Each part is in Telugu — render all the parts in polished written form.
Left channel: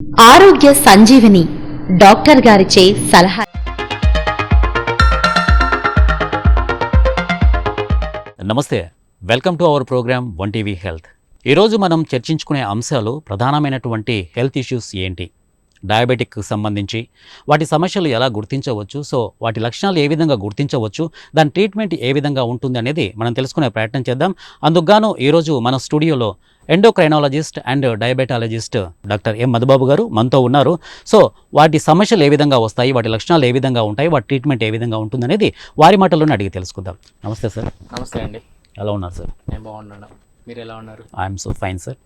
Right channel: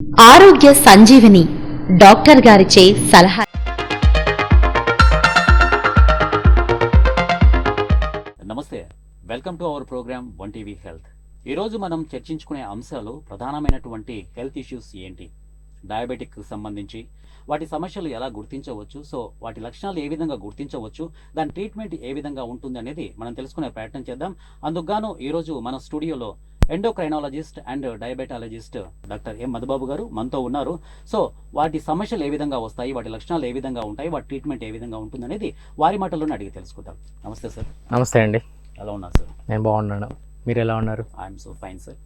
ఆరోగ్య సంజీవని డాక్టర్ గారిచే సలహా. నమస్తే, welcome to our program one TV health. ఈరోజు మనం చర్చించుకునే అంశాలు ప్రధానమైనటువంటి హెల్త్ ఇష్యూస్ ఏంటి, డయాబెటిక్ సంబంధించి వాటి సమస్యలు ఎలా గుర్తించవచ్చు, సో వాటి లక్షణాలు ఏ విధంగా గుర్తించవచ్చు, దాని ట్రీట్మెంట్ ఏ విధంగా ఉంటుంది అనేది మనం తెలుసుకునే ప్రయత్నం చేద్దాం. అందుకుగాను ఈరోజు మన స్టూడియోలో endocrinologist and diabetologist doctor M Madhubabu గారు మనతో ఉన్నారు. సో వాటి సమస్యలు ఏ విధంగా వస్తాయి, వాటి లక్షణాలు ఏ విధంగా ఉంటాయి, వాటి ట్రీట్మెంట్ ఏ విధంగా ఉంటుంది అనేది వారి మాటల్లోనే అడిగి తెలుసుకుందాం. నమస్తే సార్. నమస్తే అండి. ఎలా ఉన్నారు సార్? నేను బాగున్నాను, మీరు ఎలా ఉన్నారు? I'm so fine sir.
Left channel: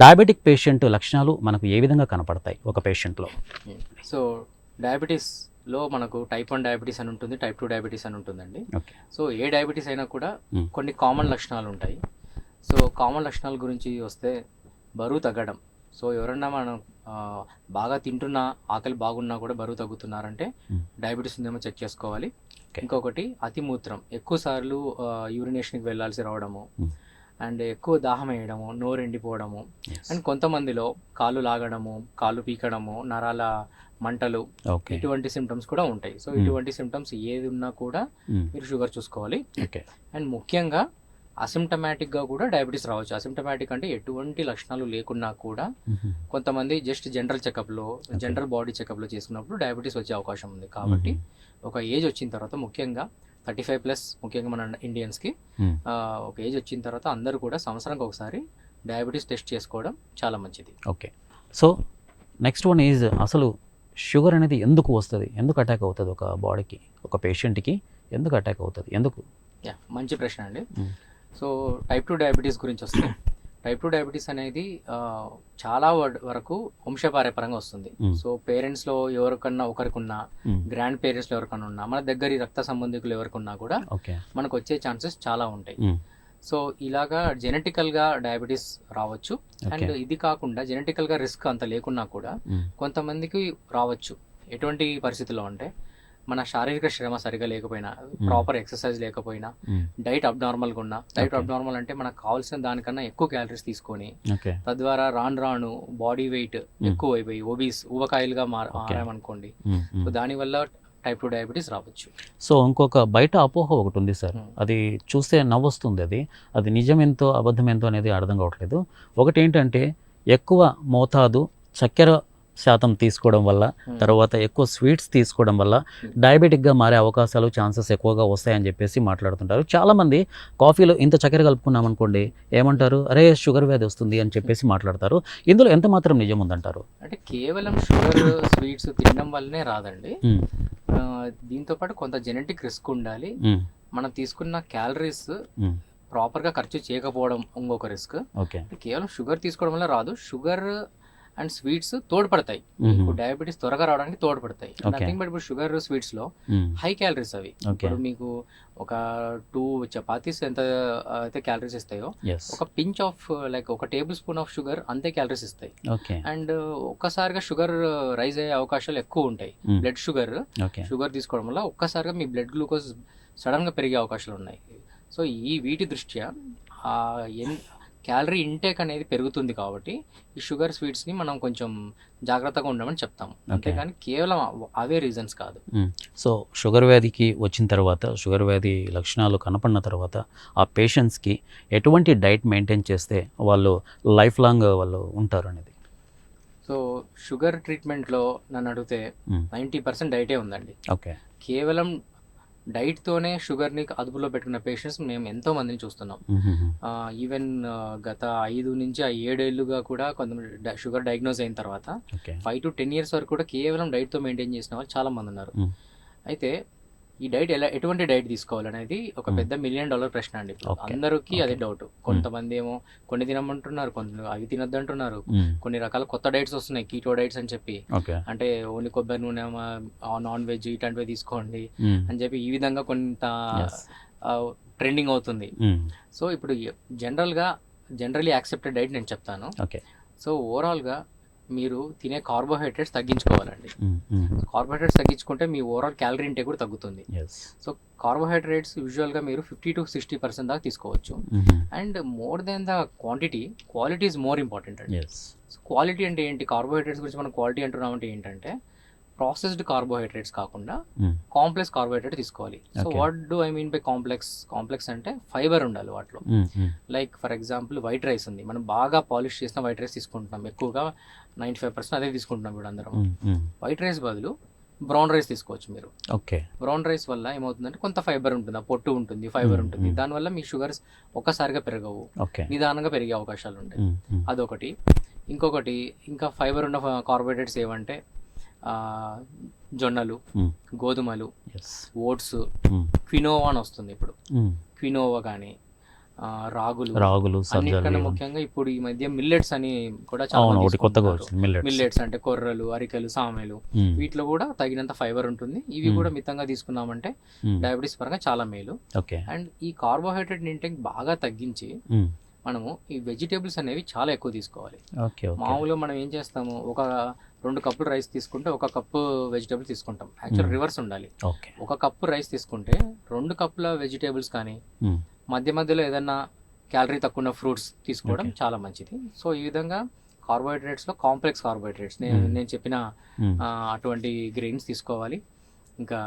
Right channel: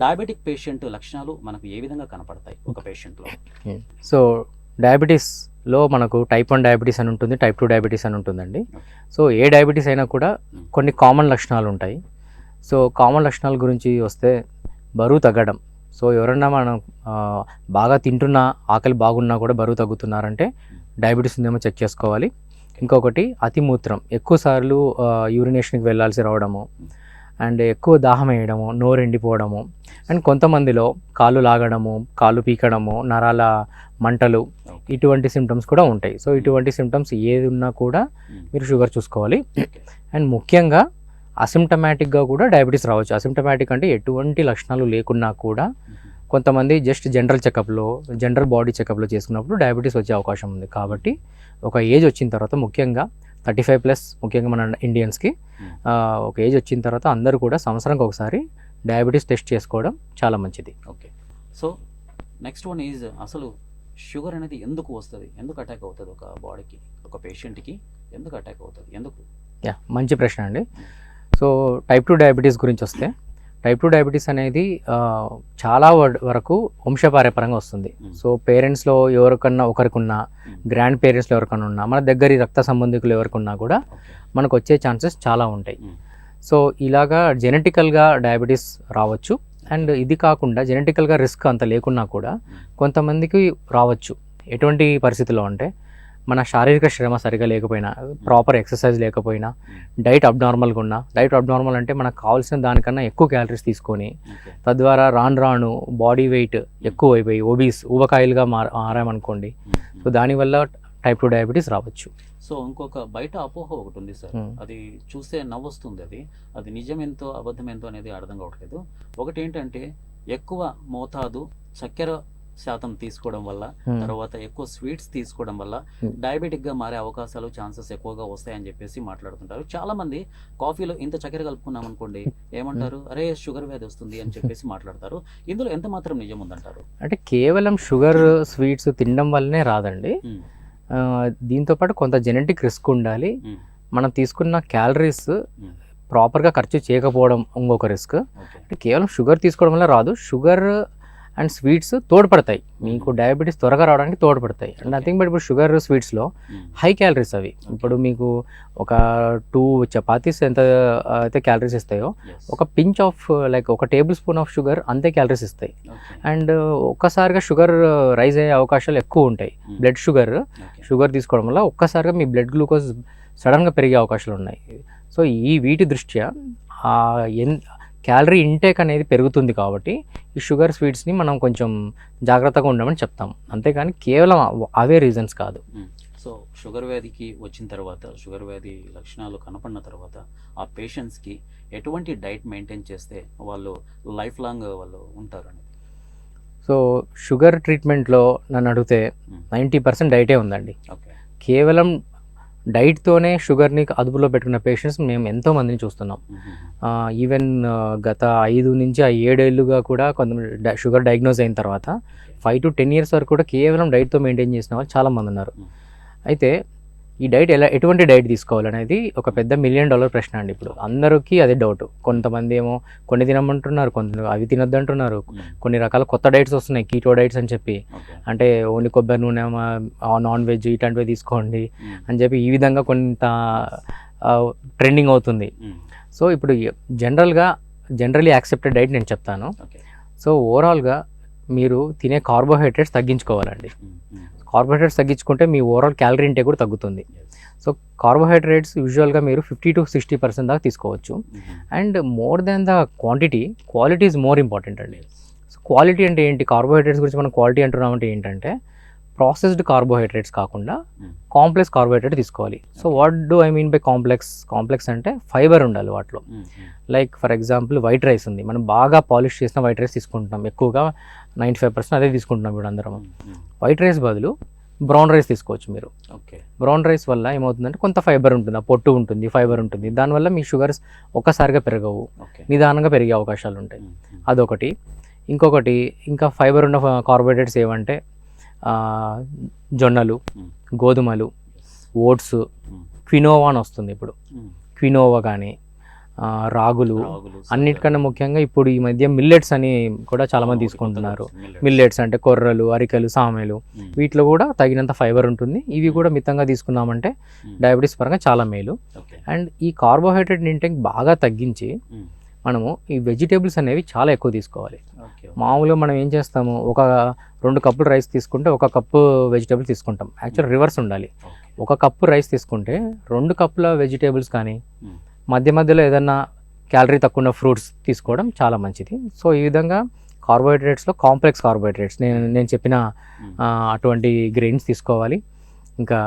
Diabetic patient లక్షణాలు మనకు ఏ విధంగా కనపడతాయి ఒక పేషెంట్లో? సో డయాబెటీస్లో మనకు టైప్ 1 డయాబెటీస్ అని ఉంటుంది, టైప్ 2 డయాబెటీస్ అని ఉంటుందండి. సో ఏ డయాబెటీస్ అయినా కూడా కొన్ని కామన్ లక్షణాలు ఉంటాయి. సో కామన్ లక్షణాల గురించి వస్తే బరువు తగ్గడం. సో ఎవరన్నా మనం బాగా తింటున్నా, ఆకలి బాగున్నా కూడా బరువు తగ్గుతున్నారంటే డయాబెటీస్ ఉందేమో చెక్ చేసుకోవాలి. ఇంకొకటి అతిమూత్రం, ఎక్కువసార్లు యూరినేషన్కి వెళ్ళాల్సి రావడము, అండ్ ఎక్కువ దాహం వేయడము, నోరు ఎండిపోవడము, అండ్ కొంతమందిలో కాళ్ళు లాగడము, కాళ్ళు పీకడము, నరాల మంటలు, ఇటువంటి సిమ్టమ్స్ కూడా ఉంటాయి. సో ఇటువంటి సిమ్టమ్స్ ఏది ఉన్నా కూడా మీరు షుగర్ చూసుకోవాలి. అండ్ ముఖ్యంగా అసిమ్టమాటిక్గా కూడా డయాబెటీస్ రావచ్చు. అసిమ్టమాటిక్ అంటే ఎటువంటి లక్షణాలు లేకున్నా కూడా కొంతమంది జస్ట్ జనరల్ బాడీ చెకప్లో చేసుకున్నప్పుడు డయాబెటీస్ వచ్చే అవకాశం ఉంది. కాబట్టి ఒక ఏజ్ వచ్చిన తర్వాత, ముఖ్యంగా 35+, ముఖ్యంగా మన ఇండియన్స్కి ఒక ఏజ్ వచ్చిన తర్వాత అందరూ కూడా సంవత్సరానికి ఒకసారి డయాబెటీస్ టెస్ట్ చేసుకోవడం చాలా మంచిది. Okay. So next one is, అసలు షుగర్ అనేది ఎందుకు వస్తుంది, ఎందుకు అటాక్ అవుతుంది ఒక బాడీకి, ఒక పేషెంట్కి ఎందుకు అటాక్ అవుతుంది, ఎందుకు? మంచి ప్రశ్న అండి. సో టైప్ 2 డయాబెటీస్ గురించి వస్తే, టైప్ 2 డయాబెటీస్ అనేది చాలా వరకు వంశపార్యపరంగా వస్తుంది. సో పేరెంట్స్లో ఎవరికన్నా ఒకరికున్నా, గ్రాండ్ పేరెంట్స్లో ఎవరికన్నా ఉన్నా, మన దగ్గర రక్త సంబంధికులు ఎవరికన్నా కూడా మనకు వచ్చే ఛాన్సెస్ చాలా ఉంటాయి. సో ఇలాగా జెనెటికల్గా డయాబెటీస్ రావచ్చు. అండ్ ఇది కాకుండా జెనెటికల్గా రిస్క్ అంత లేకున్నా కూడా కొంతమందికి రావచ్చు. ఎటువంటి పరిస్థితుల్లో అంటే, మన శారీరక శ్రమ సరిగా లేకపోయినా, ప్రాపర్ ఎక్సర్సైజ్ లేకపోయినా, డైట్ అబ్నార్మల్గా ఉన్నా, డైట్ అబ్నార్మల్ అంటే మనకు కావాల్సిన దానికన్నా ఎక్కువ క్యాలరీస్ తీసుకొని తద్వారా రాను బాడీ వెయిట్ ఎక్కువ అయిపోయి ఊబకాయలుగా మారామనుకోండి. సో దానివల్ల టైప్ 2 డయాబెటీస్ రావచ్చు. సో ఇంకొక బయట అపోహ ఒకటి ఉంది సార్, అది చూస్తే నవ్వొస్తుంది. అది నిజమెంతో అబద్ధమెంతో అనేది అర్థం కావట్లేదు. ఒకటి ఏంటంటే, ఎక్కువ మోతాదు చక్కెర శాతం తీసుకోవడం వల్ల, తర్వాత ఎక్కువ స్వీట్స్ తీసుకోవడం వల్ల డయాబెటిక్గా మారే అవకాశాలు, ఛాన్సెస్ ఎక్కువగా వస్తాయని చెప్పేసి మాట్లాడుతుంటారు. చాలామంది కాఫీలో ఇంత చక్కెర కలుపుకున్నాం అనుకోండి, ఏమంటారు, అరే షుగర్ వ్యాధి వస్తుంది అని చెప్పేసి మాట్లాడతారు. ఇందులో ఎంత మాత్రం నిజం ఉందంటారు? అంటే కేవలం షుగర్ స్వీట్స్ తినడం వల్లనే రాదండి. దీంతోపాటు కొంత జెనెటిక్ రిస్క్ ఉండాలి. మనం తీసుకున్న క్యాలరీస్ ప్రాపర్గా ఖర్చు చేయకపోవడం ఇంకొక రిస్క్. కేవలం షుగర్ తీసుకోవడం వల్ల రాదు. షుగర్ అండ్ స్వీట్స్ తోడ్పడతాయి, మీకు డయాబెటీస్ త్వరగా రావడానికి తోడ్పడతాయి. నథింగ్ బట్ ఇప్పుడు షుగర్ స్వీట్స్లో హై క్యాలరీస్ అవి. ఇప్పుడు మీకు ఒక 2 చపాతీస్ ఎంత అయితే క్యాలరీస్ ఇస్తాయో, ఒక పించ్ ఆఫ్ లైక్ ఒక టేబుల్ స్పూన్ ఆఫ్ షుగర్ అంతే క్యాలరీస్ ఇస్తాయి. అండ్ ఒక్కసారిగా షుగర్ రైజ్ అయ్యే అవకాశాలు ఎక్కువ ఉంటాయి. బ్లడ్ షుగర్ తీసుకోవడం వల్ల ఒక్కసారిగా మీ బ్లడ్ గ్లూకోజ్ సడన్గా పెరిగే అవకాశాలు ఉన్నాయి. సో వీటి దృష్ట్యా క్యాలరీ ఇంటేక్ అనేది పెరుగుతుంది. కాబట్టి ఈ షుగర్ స్వీట్స్ని మనం కొంచెం జాగ్రత్తగా ఉండమని చెప్తాం, అంతేగాని కేవలం అవే రీజన్స్ కాదు. సో షుగర్ వ్యాధికి వచ్చిన తర్వాత, షుగర్ వ్యాధి లక్షణాలు కనపడిన తర్వాత ఆ పేషెంట్స్కి ఎటువంటి డైట్ మెయింటైన్ చేస్తే వాళ్ళు లైఫ్ లాంగ్ వాళ్ళు ఉంటారు అనేది? సో షుగర్ ట్రీట్మెంట్లో నన్ను అడిగితే 90% డైటే ఉందండి. ఓకే. కేవలం డైట్తోనే షుగర్ని అదుపులో పెట్టుకున్న పేషెంట్స్ మేము ఎంతోమందిని చూస్తున్నాం. ఈవెన్ గత 5 నుంచి 7 ఏళ్ళుగా కూడా కొంతమంది షుగర్ డయాగ్నోజ్ అయిన తర్వాత 5 to 10 years వరకు కూడా కేవలం డైట్తో మెయింటైన్ చేసిన వాళ్ళు చాలామంది ఉన్నారు. అయితే ఈ డైట్ ఎటువంటి డైట్ తీసుకోవాలనేది ఒక పెద్ద $1 million ప్రశ్న అండి. ఇప్పుడు అందరికీ అదే డౌట్. కొంతమంది ఏమో కొన్ని తినమంటున్నారు, కొంత అవి తినొద్దు అంటున్నారు. కొన్ని రకాల కొత్త డైట్స్ వస్తున్నాయి, కీటో డైట్స్ అని చెప్పి, అంటే ఓన్లీ కొబ్బరి నూనె, నాన్ వెజ్ ఇట్లాంటివి తీసుకోండి అని చెప్పి ఈ విధంగా కొంత ట్రెండింగ్ అవుతుంది. సో ఇప్పుడు జనరలీ యాక్సెప్టెడ్ డైట్ నేను చెప్తాను. సో ఓవరాల్గా మీరు తినే కార్బోహైడ్రేట్స్ తగ్గించుకోవాలండి. కార్బోహైడ్రేట్స్ తగ్గించుకుంటే మీ ఓవరాల్ క్యాలరీ ఇంటేక్ కూడా తగ్గుతుంది. సో కార్బోహైడ్రేట్స్ యూజువల్గా మీరు 50 to 60% దాకా తీసుకోవచ్చు. And more than the quantity, quality is more important అండి. సో క్వాలిటీ అంటే ఏంటి, కార్బోహైడ్రేట్స్ గురించి మనం క్వాలిటీ అంటున్నామంటే ఏంటంటే ప్రాసెస్డ్ కార్బోహైడ్రేట్స్ కాకుండా కాంప్లెక్స్ కార్బోహైడ్రేట్ తీసుకోవాలి. So what do I mean by complex అంటే ఫైబర్ ఉండాలి వాటిలో. Like for example white rice ఉంది, మనం బాగా పాలిష్ చేసిన వైట్ రైస్ తీసుకుంటున్నాం, ఎక్కువగా 95% అదే తీసుకుంటున్నాం ఇప్పుడు అందరం. వైట్ రైస్ బదులు బ్రౌన్ రైస్ తీసుకోవచ్చు మీరు. ఓకే, బ్రౌన్ రైస్ వల్ల ఏమవుతుందంటే కొంత ఫైబర్ ఉంటుంది, ఆ పొట్టు ఉంటుంది, ఫైబర్ ఉంటుంది, దానివల్ల మీ షుగర్స్ ఒక్కసారిగా పెరగవు, నిదానంగా పెరిగే అవకాశాలు ఉంటాయి. అదొకటి. ఇంకొకటి ఇంకా ఫైబర్ ఉన్న కార్బోహైడ్రేట్స్ ఏమంటే జొన్నలు, గోధుమలు, ఓట్స్, క్వినోవా అని వస్తుంది ఇప్పుడు, క్వినోవా కానీ రాగులు, అన్నిటికన్నా ముఖ్యంగా ఇప్పుడు ఈ మధ్య మిల్లెట్స్ అని కూడా చాలా మంది తీసుకుంటున్నారు. మిల్లెట్స్ అంటే కొర్రలు, అరికలు, సామెలు, వీటిలో కూడా తగినంత ఫైబర్ ఉంటుంది. ఇవి కూడా మితంగా తీసుకున్నామంటే డయాబెటీస్ పరంగా చాలా మేలు. అండ్ ఈ కార్బోహైడ్రేట్ ఇంటేక్ బాగా తగ్గించి మనము ఈ వెజిటేబుల్స్ అనేవి చాలా ఎక్కువ తీసుకోవాలి. మామూలుగా మనం ఏం చేస్తాము, ఒక 2 కప్పులు రైస్ తీసుకుంటే 1 కప్పు వెజిటేబుల్స్ తీసుకుంటాం. యాక్చువల్ రివర్స్ ఉండాలి. 1 కప్పు రైస్ తీసుకుంటే 2 కప్పుల వెజిటేబుల్స్ కానీ మధ్య మధ్యలో ఏదన్నా క్యాలరీ తక్కువ ఉన్న ఫ్రూట్స్ తీసుకోవడం చాలా మంచిది. సో ఈ విధంగా కార్బోహైడ్రేట్స్లో కాంప్లెక్స్ కార్బోహైడ్రేట్స్ నేను చెప్పిన అటువంటి గ్రెయిన్స్ తీసుకోవాలి. ఇంకా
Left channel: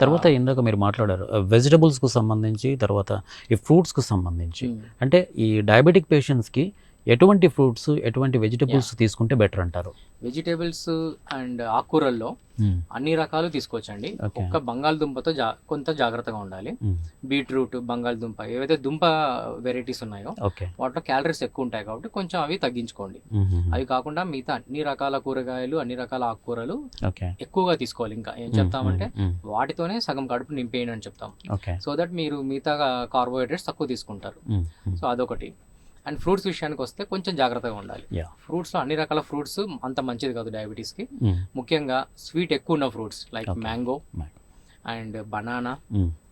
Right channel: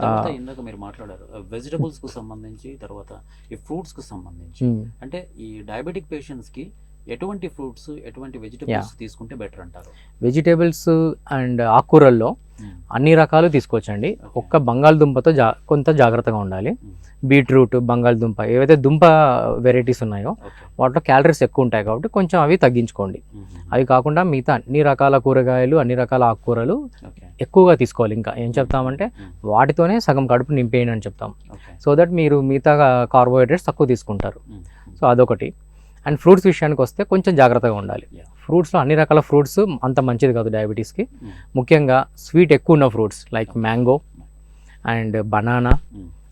తర్వాత ఇందాక మీరు మాట్లాడారు వెజిటబుల్స్కు సంబంధించి, తర్వాత ఈ ఫ్రూట్స్కు సంబంధించి. అంటే ఈ డయాబెటిక్ పేషెంట్స్కి ఎటువంటి ఫ్రూట్స్, ఎటువంటి వెజిటబుల్స్ తీసుకుంటే బెటర్ అంటారు? వెజిటేబుల్స్ అండ్ ఆకుకూరల్లో అన్ని రకాలు తీసుకోవచ్చండి. ఒక్క బంగాళదుంపతో కొంత జాగ్రత్తగా ఉండాలి. బీట్రూట్, బంగాళదుంప, ఏవైతే దుంప వెరైటీస్ ఉన్నాయో వాటిలో క్యాలరీస్ ఎక్కువ ఉంటాయి కాబట్టి కొంచెం అవి తగ్గించుకోండి. అవి కాకుండా మిగతా అన్ని రకాల కూరగాయలు, అన్ని రకాల ఆకుకూరలు ఎక్కువగా తీసుకోవాలి. ఇంకా ఏం చెప్తామంటే వాటితోనే సగం కడుపు నింపేయండి అని చెప్తాం. సో దట్ మీరు మిగతా కార్బోహైడ్రేట్స్ తక్కువ తీసుకుంటారు. సో అదొకటి. అండ్ ఫ్రూట్స్ విషయానికి వస్తే కొంచెం జాగ్రత్తగా ఉండాలి. ఫ్రూట్స్లో అన్ని రకాల ఫ్రూట్స్ అంత మంచిది కాదు డయాబెటీస్కి. ముఖ్యంగా స్వీట్ ఎక్కువ ఉన్న fruits like mango and banana,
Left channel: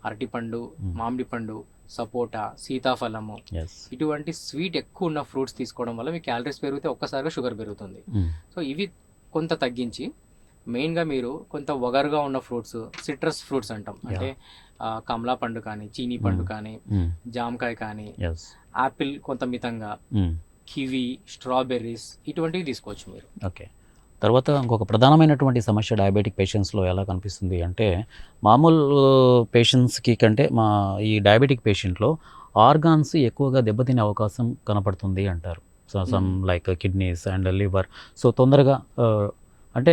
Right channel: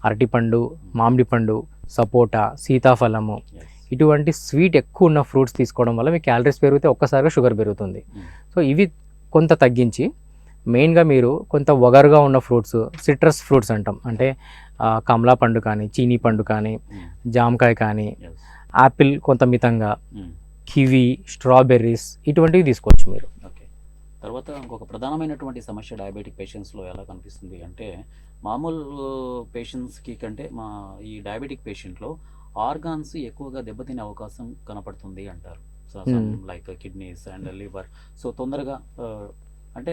అరటిపండు, మామిడి పండు, సపోటా, సీతాఫలము, ఇటువంటి స్వీట్ ఎక్కువ ఉన్న ఫ్రూట్స్ తీసుకోవడం వల్ల మీ క్యాలరీస్ పెరిగితే ఒక్కసారిగా షుగర్ పెరుగుతుంది. సో ఇవి కొంత తగ్గించి మెయిన్గా మీరు కొంత వగరుగా ఉన్న ఫ్రూట్స్, సిట్రస్ ఫ్రూట్స్ అంటాం, అంటే కమలా పండు కానీ, చీనీ పండు కానీ, జామకాయ కానీ, యాపిల్ కొంత మితంగా, కివి, స్ట్రాబెర్రీస్, ఇటువంటివి తీసుకోవచ్చు మీరు. ఓకే. తర్వాత ఇంకొక ప్రధానమైనటువంటి సమస్య డయాబెటిక్ పేషెంట్స్లో ఎలా కనిపిస్తుంది అంటే, మామూలు పేషెంట్స్కి కంటే ఈ డయాబెటిక్ పేషెంట్లో ఆర్గాన్స్ ఎక్కువగా దెబ్బతినే అవకాశం కనపడుతుంది అంటారు. So some like kidneys and liver. So తొందరగా అంటే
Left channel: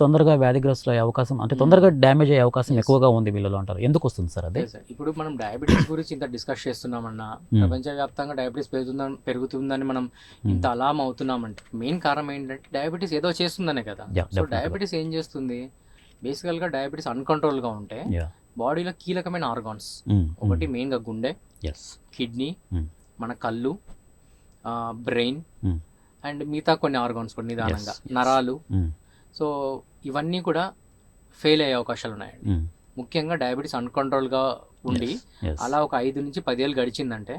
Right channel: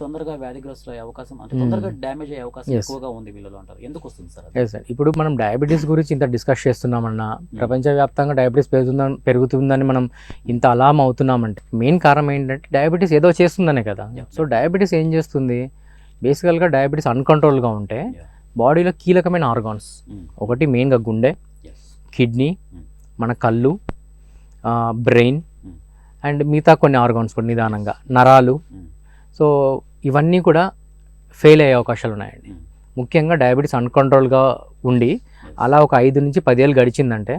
తొందరగా వ్యాధిగ్రస్తులు అయ్యే అవకాశం, అంటే తొందరగా డ్యామేజ్ అయ్యే అవకాశం ఎక్కువగా ఉంది వీళ్ళలో అంటారు. ఎందుకు వస్తుంది సార్ అదే? సార్, ఇప్పుడు మనం డయాబెటీస్ గురించి ఇంత డిస్కస్ చేస్తున్నామన్నా, ప్రపంచవ్యాప్తంగా డయాబెటీస్ పెరుగుతుందని మనం ఇంత అలాం అవుతున్నామంటే మెయిన్ కారణం ఏంటంటే డయాబెటీస్ ఏదో చేస్తుందనే కదా. సో డయాబెటీస్ ఏం చేస్తుంది, బేసికల్గా డయాబెటీస్ అన్కంట్రోల్గా ఉంటే బాడీలో కీలకమైన ఆర్గాన్స్, ఒకటి మెయిన్గా గుండె, కిడ్నీ, మన కళ్ళు, బ్రెయిన్ అండ్ మిగతా కొన్ని ఆర్గాన్స్ కూడా నిదానంగా, నరాలు, సో ఇవన్నీ కూడా ఫెయిల్ అయ్యే అవకాశాలు ఉన్నాయండి. ముఖ్యంగా డయాబెటీస్ అన్కంట్రోల్గా ఉండి అలా ఒక 5 నుంచి 10 ఏళ్ళు గడిచిందంటే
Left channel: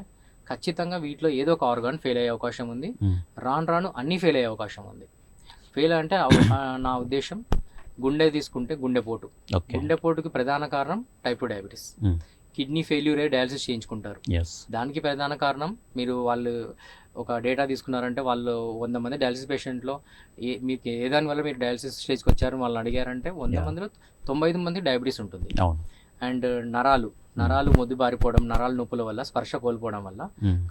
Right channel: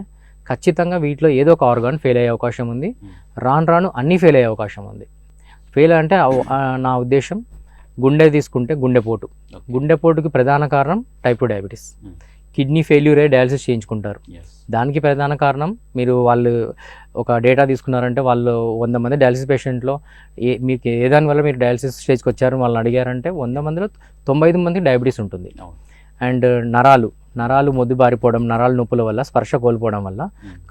ఖచ్చితంగా వీటిలో ఏదో ఒక ఆర్గాన్ ఫెయిల్ అయ్యే అవకాశం ఉంది. రాను అన్నీ ఫెయిల్ అయ్యే అవకాశం ఉంది. ఫెయిల్ అంటే నా ఉద్దేశం గుండె తీసుకుంటే గుండెపోటుకి ప్రధాన కారణం టైప్ 2 డయాబెటీస్. కిడ్నీ ఫెయిల్యూర్ అయ్యి డయాలసిస్ చేయించుకుంటారు. దానికి ప్రధాన కారణం వాళ్ళు ఒక డేటా తీసుకున్నారంటే వాళ్ళు 100 మంది డయాలసిస్ పేషెంట్లో మీకు ఏదాని వల్ల మీరు డయాలసిస్ స్టేజ్కి వచ్చారు వాళ్ళని అడిగారంటే 100 మందిలో 95 మందికి డయాబెటీస్ ఉంటుంది. అండ్ నరాలు మొద్దుబారిపోవడం, నరాల నొప్పుల వల్ల, స్పర్శ కోల్పోవడం వల్ల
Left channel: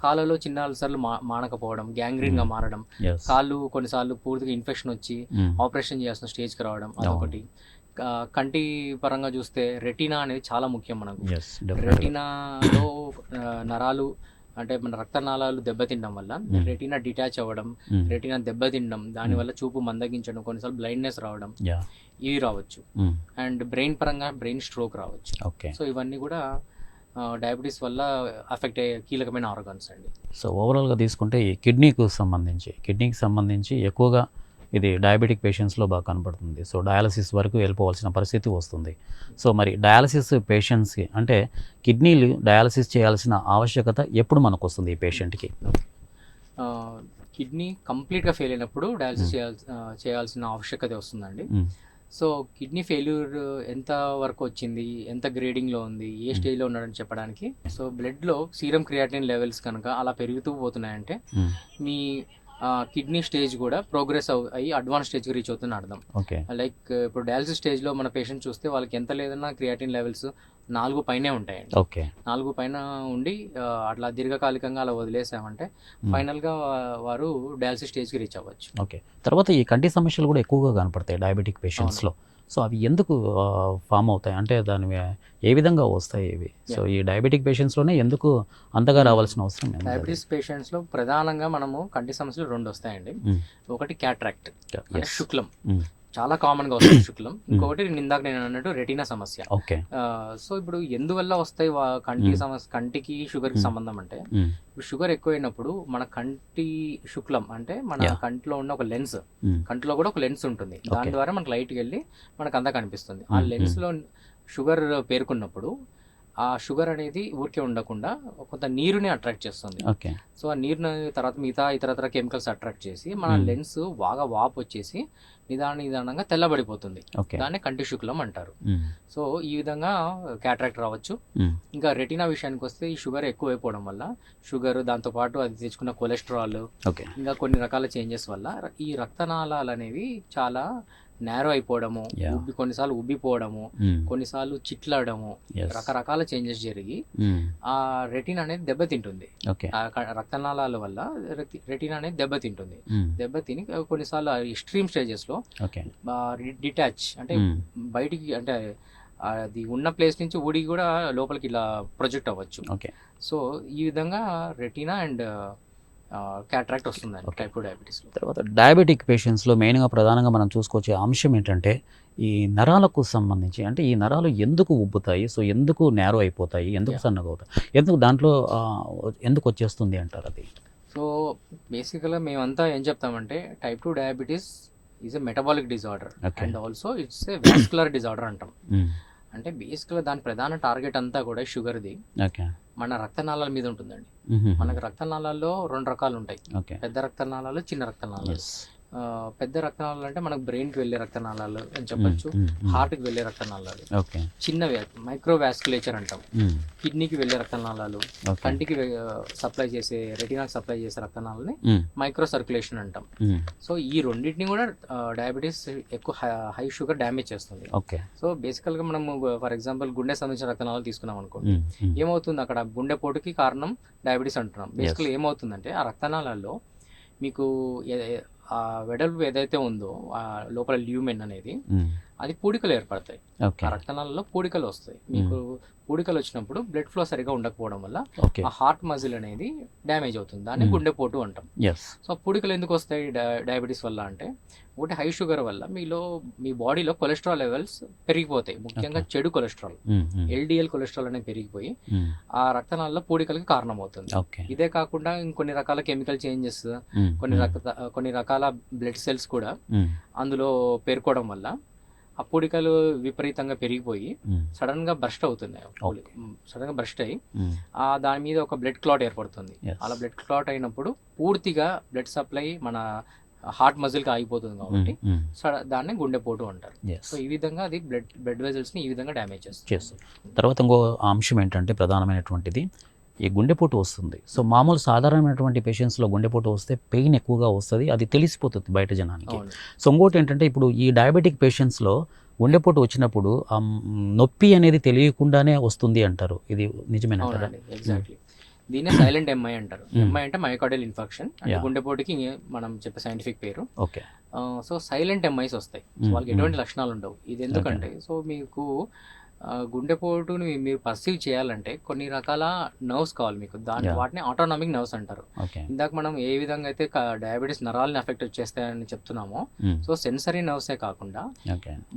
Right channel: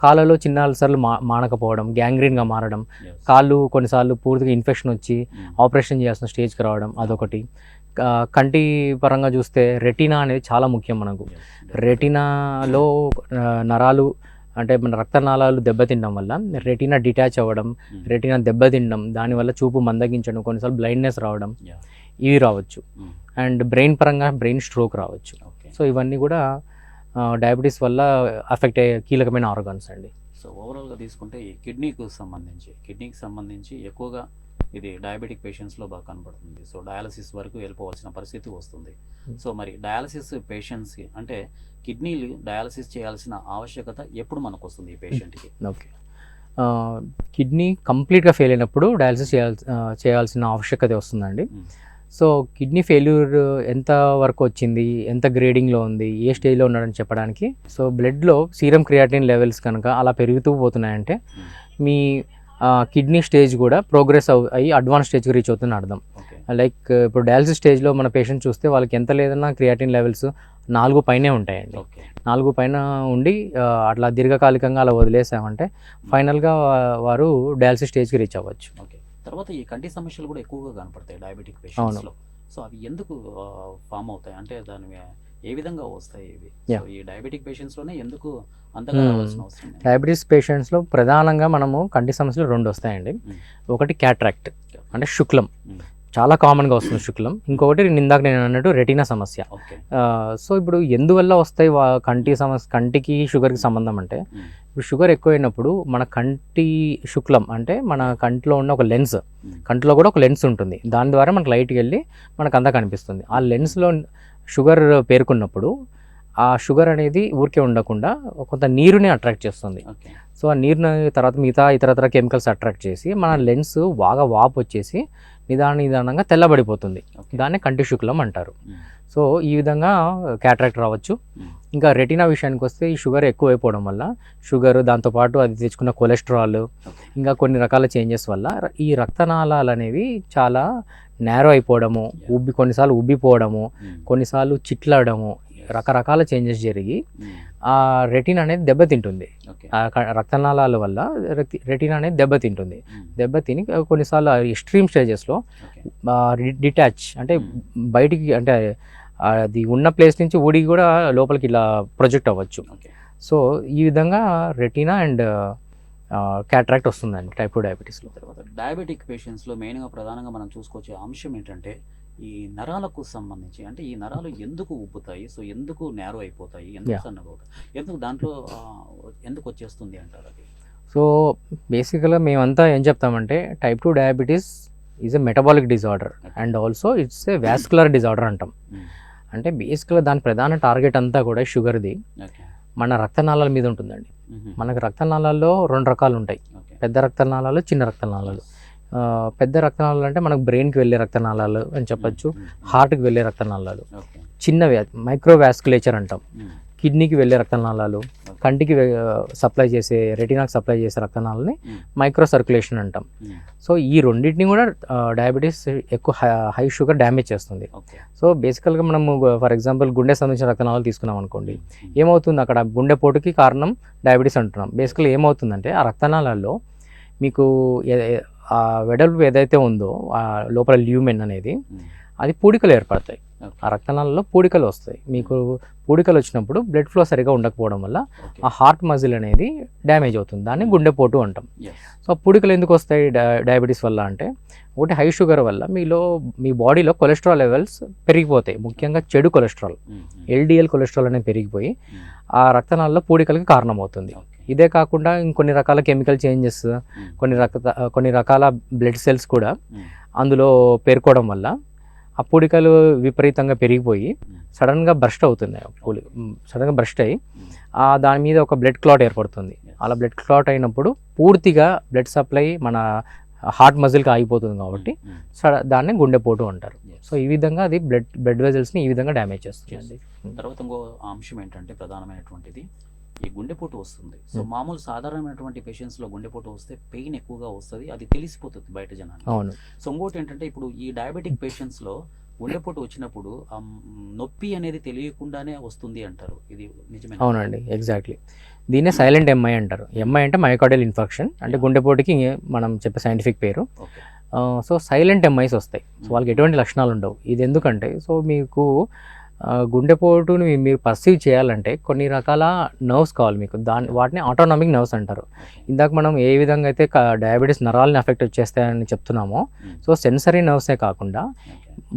కాళ్ళలో చిన్న అల్సర్లు మానకపోవడం, గ్యాంగ్రీన్గా మారడం, కాళ్ళు కొన్నిసార్లు పూర్తిగా ఇన్ఫెక్షన్ వచ్చి ఆపరేషన్ చేయాల్సిన స్టేజ్కి రావడం, అదొకటి. కంటి పరంగా చూస్తే రెటీనా అనేది చాలా ముఖ్యం మనకు. రెటీనాలో నరాలు అంటే మన రక్తనాళాలు దెబ్బతినడం వల్ల రెటీనా డిటాచ్ అవ్వడం, రెటీనా దెబ్బతినడం, దానివల్ల చూపు మందగించడం, కొన్నిసార్లు బ్లైండ్నెస్ రావడం, ఇవి రావచ్చు. అండ్ బ్రెయిన్ పరంగా బ్రెయిన్ స్ట్రోక్ రావచ్చు. సో ఇవన్నీ కూడా డయాబెటీస్ వల్ల అఫెక్ట్ అయ్యే కీలకమైన ఆర్గాన్స్ అండి. సో ఓవరాల్గా తీసుకుంటే ఈ కిడ్నీకి సంబంధించి ఎక్కువగా ఇది డయాబెటిక్ పేషెంట్స్లో బాగా కనపడుతుంది. సో డయాలసిస్ వరకు వెళ్ళిపోవాల్సిన పరిస్థితి వస్తుంది. సో మరి డయాలసిస్ పేషెంట్స్కి అంటే కిడ్నీలు డయాలసిస్ చేయాల్సిన ఆవశ్యకత ఎప్పుడు మనకు వస్తుంది ఈ పేషెంట్కి? ఓకే, కిడ్నీ కంప్లీట్గా ఫెయిల్ అయినప్పుడు డయాలసిస్ చేయాల్సిన ఆవశ్యకత వస్తుందండి. సో కిడ్నీ ఫెయిల్యూర్ ఎంత వరకు వచ్చింది, ఎంత గ్రేడింగ్లో ఉంది, ఏ స్టేజ్లో ఉన్నాడని చెప్పడానికి, సో బ్లడ్లో సీరం క్రియాటిన్ లెవెల్స్ కనుక అలా పెరుగుతూ పోతున్నాయంటే మీ కిడ్నీ స్టేజ్ కూడా ప్రోగ్రెస్ అయ్యి అడ్వాన్స్ స్టేజ్కి రీచ్ అవుతుందని అర్థం. ఓకే. లైక్ ఇప్పుడు డయాలసిస్ స్టేజ్లో మన పేషెంట్ చూస్తే వాళ్ళకి ఎంత లేదన్నా క్రియాటిన్ లెవెల్స్ 4 పైనే ఉంటాయండి. ఓకే. 4 పైన ఉండి అట్లా దీర్ఘకాలికంగా అలా వదిలేసామంటే ఫైనల్గా వారు డయాలసిస్ స్టేజ్కి రీచ్ అవ్వచ్చు. ఓకే. తర్వాత ఈ కంటి సమస్యలు కూడా ఎక్కువగా కనపడతాయి డయాబెటిక్ పేషెంట్స్లో. సో అవి ఎందుకు ఫామ్ అవుతాయి, అంటే దాని ఏ విధంగా వస్తాయి ఇవి? సో ఈ డయాబెటిక్ పేషెంట్స్లోనే ఎందుకు అంతగా రావాల్సిన అవసరం లేదు? డయాబెటీస్ పేషెంట్స్లో ప్రధానంగా మనము కంటి సమస్యలు 2 వస్తాయండి. ఒకటి క్యాట్రాక్ట్ అంటే శుక్లం, చాలా కామన్గా వస్తుంది శుక్లం. ఇంకొకటి ఇందాక నేను అన్నట్టు రెటీనా సమస్య. ఓకే. సో ఇప్పుడు ఎందువల్ల వస్తాయి కంటి సమస్య, కంటికి షుగర్కి సంబంధం అంటే ఇప్పుడు షుగర్ ఎక్కువైనప్పుడు మన కంటి శుక్లం అంటే మన కంటిలో ఉన్న ఒక లెన్స్, కంటిలో కూడా ఒక లెన్స్ ఉంటుంది, దాని ద్వారా మనకు లైట్కి వెళ్ళి మనకు అంతా కనిపిస్తుంది. ఆ లెన్స్లో షుగర్ పేరుకున్నప్పుడు ఆ షుగర్ అనేది ఊరికే ఉండకుండా కొంత నీరుని అట్రాక్ట్ చేస్తుంది. ఓకే. సో ఆ నీరుని తర్వాత మిగతా ఇతరత్ర కెమికల్స్ అట్రాక్ట్ చేసి మన లెన్స్ బాగా వాపు వచ్చేసి నిదానంగా తెల్లబడిపోతుంది. దాన్ని కంటి శుక్లం అంటారు. సో ఈ విధంగా క్యాట్రాక్ట్ రావచ్చు. ఇంకా రెటీనా విషయానికి వస్తే ఈ షుగర్ ఎక్కువైపోవడం వల్ల షుగర్, దాంతోపాటు అది తెచ్చుకున్న కొలెస్ట్రాల్, ఇంకా కొన్ని రకాల చేంజెస్ వల్ల ఈ రక్తనాళాలు అనేవి చాలా నేరో అయిపోవడము, కొన్నిసార్లు ఉబ్బిపోవడము, కొన్నిసార్లు చిట్లడము, రకరకాల చేంజెస్ జరిగి ఆ రెటీనా అనేది దెబ్బతింటుంది. రక్తనాళాల వల్ల రెటీనా అనేది దెబ్బతిని కొన్నిసార్లు ఎక్స్ట్రీమ్ స్టేజెస్లో డిటాచ్ అంటే బయటికి, అంటే అది ఉన్న ప్లేస్ నుంచి ఊడి కూడా లోపలికి ఇలా ప్రొజెక్ట్ అవ్వచ్చు. సో ఈ విధంగా రెటీనా అండ్ క్యాట్రాక్ట్ వస్తుందండి టైప్ 2 డయాబెటీస్లో. తర్వాత డయాబెటిక్ పేషెంట్స్లో మెయిన్గా ప్రధానంగా మనం చూసుకోవచ్చే అంశం ఏంటంటే ఈ నరాలకు సంబంధించి, అంటే ఈ నరాలు ఎందుకు ఉబ్బుతాయి, సో ఎందుకు నేరో అయిపోతాయి, ఎందుకు సన్నగా అవుతాయి, ఎందుకు దాంట్లో ఎందుకు వచ్చేస్తుంది అంటారు అది? సో బేసికల్గా మేమంతా ఏం చెప్తామంటే type 2 diabetes is a metabolic disorder and also it's a vascular disorder అంటాం. అంటే బేసిక్గా దాని ప్రధాన టార్గెట్ అంతా కూడా షుగర్ది మన రక్తనాళాల మీద ఉంటుందండి. మనకు రక్తనాళాల్లో 2 రకాలు ఉంటాయి, పెద్ద రక్తనాళాలు, చిన్న రక్తనాళాలు. పెద్ద రక్తనాళాలు అంటే మనకు బ్రెయిన్కి వెళ్ళే రక్తనాళాలు అని చెప్పొచ్చు, హార్ట్కి వెళ్ళే రక్తనాళాలు. చిన్నవి మైక్రోవాస్కులేచర్ అంటాం. కిడ్నీకి వెళ్ళే రక్తనాళాలు, కంటికి సప్లై చేసే, రెటీనాకి సప్లై చేసే రక్తనాళాలని మైక్రో సర్క్యులేషన్ అంటాం. సో ఈ రెండింటిని కూడా డయాబెటీస్ ఎక్కువ హై షుగర్ డ్యామేజ్ చేస్తుంది. సో బేసికల్గా మనము ఫర్ ఎగ్జాంపుల్ గుండె సంబంధించిన రక్తనాళాలు తీసుకున్నాం అనుకోండి, ఏమవుతుంది అక్కడ గుండెపోటుకి కారణం డయాబెటీస్ అంటున్నాం. బేసికల్గా ఏమవుతుందంటే ఆ రక్తనాళాల్లో మీకు ఆ వెడల్పు ఏదైతే ఉందో ఆ లోపల ల్యూమెన్ అనేది అది పూడికలు ఏర్పడతాయి. ఆ రక్తనాళాల్లో పూడికలు వస్తాయి. మీకు పూడికలు వచ్చినప్పుడు బ్లడ్ ఫ్లో సరిగా ఉండకపోవడం వల్ల ఆ హార్ట్ మజిల్ అనేది డ్యామేజ్ అవుతుంది, దాన్ని గుండెపోటు అంటాం. సో పూడికలు ఎందుకు వస్తాయి డయాబెటీస్ వల్ల అంటే, ఒకటి హై షుగర్ వల్ల మీ బాడీలో కొలెస్ట్రాల్ లెవెల్స్ పెరిగిపోతాయి, ముఖ్యంగా చెడు కొలెస్ట్రాల్, ఎల్డిఎల్ కొలెస్ట్రాల్ అనేది పెరిగిపోయి ఆ పూడికలకి కారణమవుతుంది. ఇదే కాకుండా ఇంకొన్ని రకాల కెమికల్ చేంజెస్, కొన్ని రకాల బ్లడ్ సెల్స్ కూడా అందులో పేర్కోవడం వల్ల ఆ పూడికలు విపరీతంగా పెరిగిపోయి సడన్గా బ్రస్ట్ అవుతుంది. సడన్గా బ్రస్ట్ అయ్యి దాని మీద ఒక బ్లడ్ క్లాట్ ఏర్పడుతుంది. అలా బ్లడ్ క్లాట్ అయినప్పుడు పూర్తిగా బ్లడ్ సప్లై మన హార్ట్ మజిల్కి ఆగిపోతుంది కాబట్టి దాన్ని గుండెపోటు అంటారు. సో ఈ విధంగా అది బ్లడ్ వెజల్స్ని ఈ విధంగా డ్యామేజ్ చేస్తుంది. తర్వాత ఇంకో అంశం ఏంటంటే ప్రధానమైనటువంటిది ఈ గుండెపోటు వస్తుంది. సో మామూలు సాధారణమైనటువంటి పేషెంట్స్లో గుండెపోటు వస్తే పెయిన్ ఎక్కువగా వస్తుంది, అది తెలిసిపోతుంది బయట జనానికి. సో ఇంకోటి ఏంటంటే ఇప్పుడు ఈ డయాబెటిక్ పేషెంట్స్లో గుండెపోటు వచ్చినప్పుడు నొప్పి అనేది తెలియకుండానే వస్తుంది అంటారు, ఇది నిజమేనా? అవునండి, ఎగ్జాక్ట్లీ. దీన్నే సైలెంట్ ఎంఐ అంటారు. ఎంఐ అంటే మయోకార్డియల్ ఇన్ఫార్క్షన్, అంటే గుండెపోటుకి మనం చెప్పే సైంటిఫిక్ పేరు. సో సైలెంట్ ఎంఐస్ వస్తాయి, వాళ్ళకి ఎటువంటి లక్షణాలు ఉండవు. ఇది ఎందుకంటే, సో మీకు గుండెపోటుని మీరు పర్సీవ్ చేయాలంటే కొన్ని రకాల నర్వ్స్ కావాలి మీకు, వాటిని ఆటోనామిక్ నర్వ్స్ అంటారు. ఇందాక మనం ఏ విధంగా అయితే డయాబెటీస్ నరాలని అఫెక్ట్ చేస్తాయని చెప్తున్నామో, సో సెన్సరీ నర్వ్సే కాకుండా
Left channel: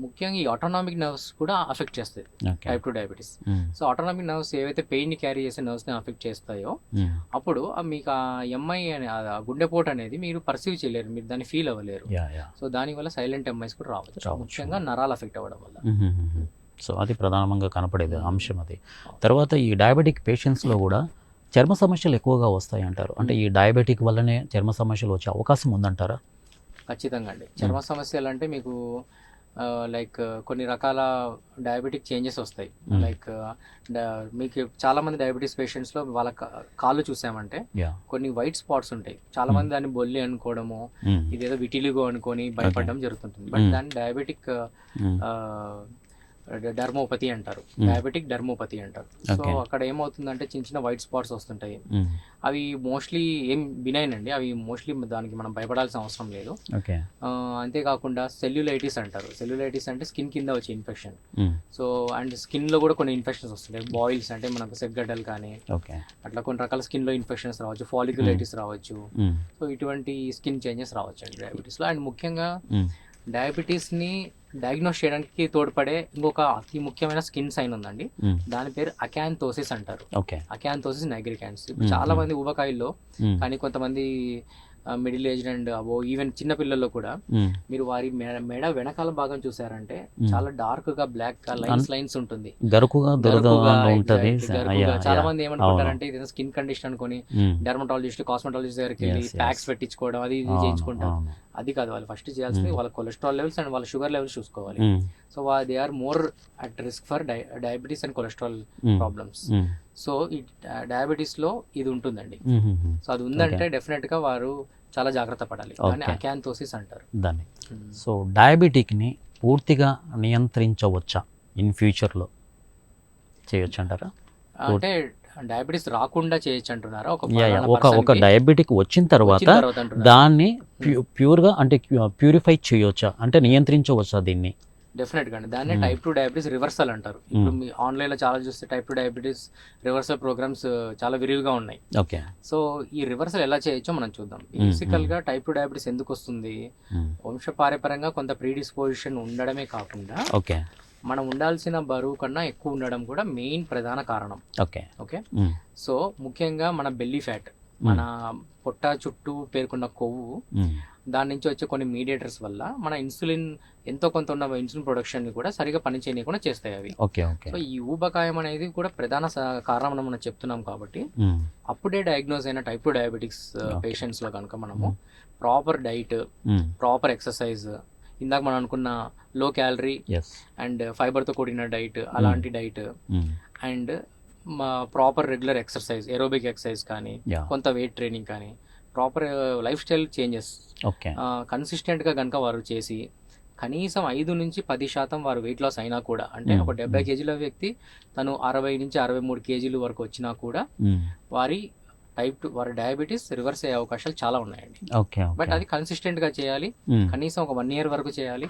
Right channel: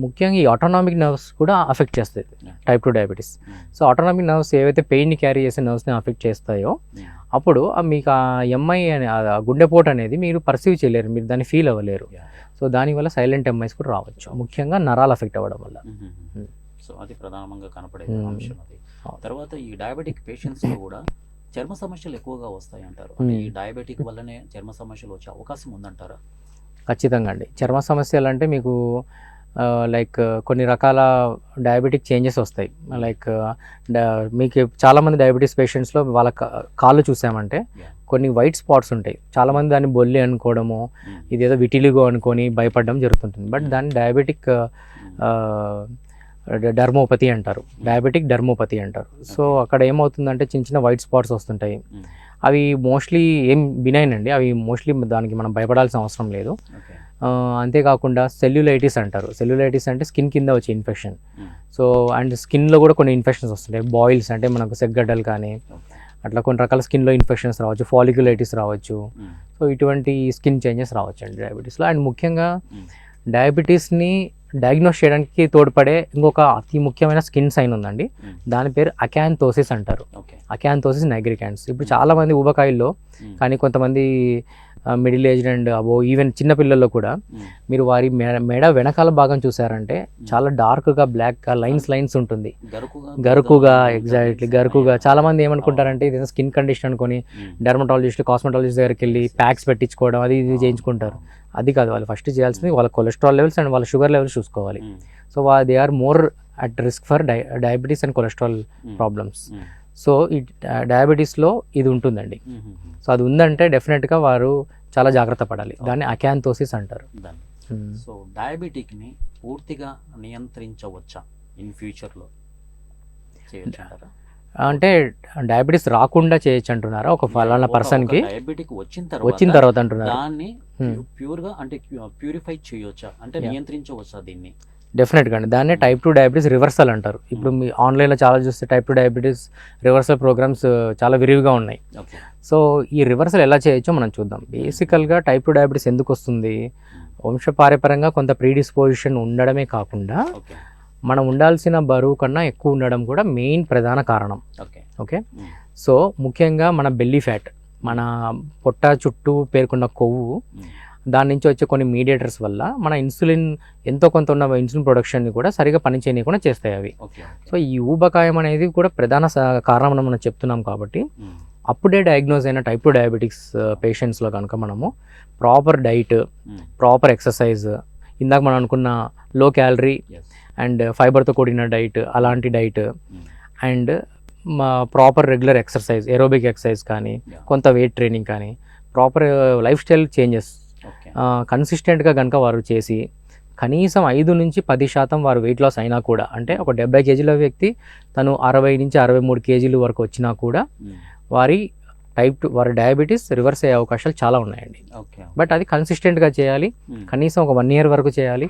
ముఖ్యంగా ఈ ఆటోనామిక్ నర్వ్స్ కూడా అఫెక్ట్ చేస్తాయి type 2 diabetes. So autonomic nerves ఏవైతే పెయిన్ని క్యారీ చేసే నర్వ్స్ని అఫెక్ట్ చేస్తాయో అప్పుడు మీకు ఆ ఎంఐ గుండెపోటు అనేది మీరు పర్సీవ్ చేయలేరు, మీరు దాన్ని ఫీల్ అవ్వలేరు. సో దానివల్ల సైలెంట్ ఎంఐస్ కూడా రావచ్చు, ముఖ్యంగా నరాలు అఫెక్ట్ అవ్వడం వల్ల. సో అది ప్రధానంగా కనపడేది అంశం అది. తర్వాత ఈ డయాబెటిక్ పేషెంట్స్లో కూడా చర్మ సమస్యలు ఎక్కువగా వస్తాయి అంటారు, అంటే ఈ డయాబెటిక్ వల్లనే చర్మ సమస్యలు వచ్చే అవకాశం ఉందంటారా? ఖచ్చితంగా అండి. చర్మ సమస్యలు అంటే మీకు లైక్ కొన్ని రకాల డయాబెటిక్ చేంజెస్ వస్తాయి. లైక్ మీకు చాలామంది డయాబెటీస్ పేషెంట్స్లో వాళ్ళ కాళ్ళు చూసామంటే కొన్ని వైట్ స్పాట్స్ ఉంటాయి. చాలామంది దాన్ని బొల్లి అనుకోవడము, ఇదేదో విటిలిగో అనుకొని భయపడడం జరుగుతుంటుంది. బట్ దాన్ని డయాబెటిక్ డర్మోపతి అంటారు, డయాబెటిక్ డర్మోపతి అంటారు. సో అక్కడ ఏమవుతుందంటే చిన్న చిన్న వైట్ స్పాట్స్ వస్తుంటాయి. అవి మోస్ట్లీ ఏం బినైన్ అండి, అవి మోస్ట్లీ దానికి మనం భయపడాల్సిన అవసరం లేదు. అంతేకాకుండా సెల్యులైటిస్ అంటారు. సెల్యులైటిస్ అంటే స్కిన్ కింద వచ్చే ఇన్ఫెక్షన్. సో అండ్ స్కిన్లో కూడా కొన్ని ఇన్ఫెక్షన్స్ వస్తుంటాయి. బాయిల్స్ అంటే మనకు సెగ్గడ్డలు కానీ అట్లా కొన్ని రకాల స్కిన్లో ఇన్ఫెక్షన్స్ రావచ్చు, ఫాలిక్యులైటిస్ రావచ్చు. సో ఇటువంటి స్కిన్ చేంజెస్ రావచ్చు అండి డయాబెటీస్లో. అండ్ ముఖ్యంగా డయాబెటీస్ని డయాగ్నోస్ చేయడానికి తోడ్పడే ఇంకొక అతి ముఖ్యమైన స్కిన్ సైన్ ఉందండి. దాని పేరు అకాంతోసిస్ అంటారు. Acanthosis nigricans. ఇప్పుడు చాలా మంది ఊబకాయల్లో కానీ కొంతమంది middle aged and above even చిన్న పిల్లల్లో కూడా మీరు వారి మెడ వెనకాల భాగం చూసారంటే చాలా డార్క్ గా బ్లాక్ గా లైన్స్ ఉంటుంది, గరుకుగా. ఎగ్జాక్ట్లీ గరుకుగా. చాలా మంది ఏమనుకుంటారంటే ఇది స్కిన్ కండిషన్ అనుకొని డెర్మటాలజిస్ట్, కాస్మెటాలజిస్ట్ దగ్గరికి వెళ్ళి ప్యాక్స్ పెట్టించుకోవడం అది ఇది చేయించుకుంటారు. అది కాదు, వాళ్ళు ఫస్ట్ చేయాల్సింది వాళ్ళ కొలెస్ట్రాల్ లెవెల్స్ అండ్ వాళ్ళ షుగర్ లెవెల్స్ చూసుకోవాలి. So they are more at risk for diabetes and cholesterol problems. So ఈ డయాబెటీస్లో ఇది ఉంటుందండి. సో అది ఉందంటే డెఫినెట్గా వారు చాలా జాగ్రత్త పడాలి. దాన్ని అకాంతోసిస్ అంటారు దాన్ని. సో డయాబెటిక్ని పూర్తిగా నియంత్రించవచ్చా ఇన్ ఫ్యూచర్లో, చేయొచ్చు అంటారా? అంటే డయాబెటీస్ రాకుండా చేయొచ్చు అంటున్నారా? ఒక పర్సన్ డయాబెటిక్ వచ్చిన తర్వాత దాన్ని ప్యూర్గా అంటే ప్యూరిఫై చేయొచ్చా, అంటే నియంత్రించవచ్చా దీన్ని? డెఫినెట్గా అండి. దాన్ని టైప్ 2 డయాబెటీస్ రివర్సల్ అంటారు. ఇప్పుడు మీ ఆన్లైన్లో చాలా చూస్తే టైప్ 2 డయాబెటీస్ రివర్సల్ ప్రోగ్రామ్స్ చాలా విరివిగా ఉన్నాయి. సో ఈ రివర్సల్ ఎలా చేయొచ్చో మనం చూద్దాం. బేసికల్గా టైప్ 2 డయాబెటీస్ ఎందుకు వస్తుంది? వంశపారపర్యంగా కొంత ప్రీడిస్పోజిషన్ ఉండడమే కాకుండా మనం ఉండాల్సిన బరువు కన్నా ఎక్కువ ఉండడం కూడా మెయిన్ ప్రధాన కారణం. ఓకే. సో ముఖ్యంగా మన బెల్లీ ఫ్యాట్, మన పొట్ట చుట్టూ పేర్కొన్న కొవ్వు, దాని నుంచి వచ్చే కొన్ని మీడియేటర్స్ వల్ల మన ఇన్సులిన్ ఎంతో కొంత ఉన్న ఇన్సులిన్ ప్రొడక్షన్ని కూడా సరిగా పనిచేయకుండా చేస్తాయి అవి. సో ఈ ఊబకాయం అనేది కూడా ప్రధాన కారణం అని మనం చెప్తున్నాం. కాబట్టి అప్పుడే డయాగ్నోజ్ అయిన టైప్ 2 డయాబెటిక్స్ పేషెంట్స్లో కనుక మనము ప్రాపర్ డైట్, ప్రాపర్ ఎక్సర్సైజ్, ఇందాక మనం అనుకున్న లో క్యాలరీ అండ్ ఫైబర్తో కూడిన డైట్, అలాంటి diet and proper regular exercise, aerobic exercise కానీ కొంత వెయిట్ ట్రైనింగ్ కానీ ప్రాపర్ లైఫ్ స్టైల్ చేంజెస్ కన్సిస్టెంట్గా కనుక వారు చేసి కనీసం 5 నుంచి 10% వారు వెయిట్ లాస్ అయినా కూడా, అంటే ఒక 70 కేజీల వ్యక్తి తను 60 నుంచి 63 కేజీలు వరకు వచ్చినా కూడా వారి వారి డయాబెటీస్ రివర్స్ అయ్యే అవకాశాలు చాలా ఉన్నాయండి. బట్ అది కన్సిస్టెంట్గా చేయాలి, కనీసం ఒక 1 ఇయర్ వరకు చేయాలి.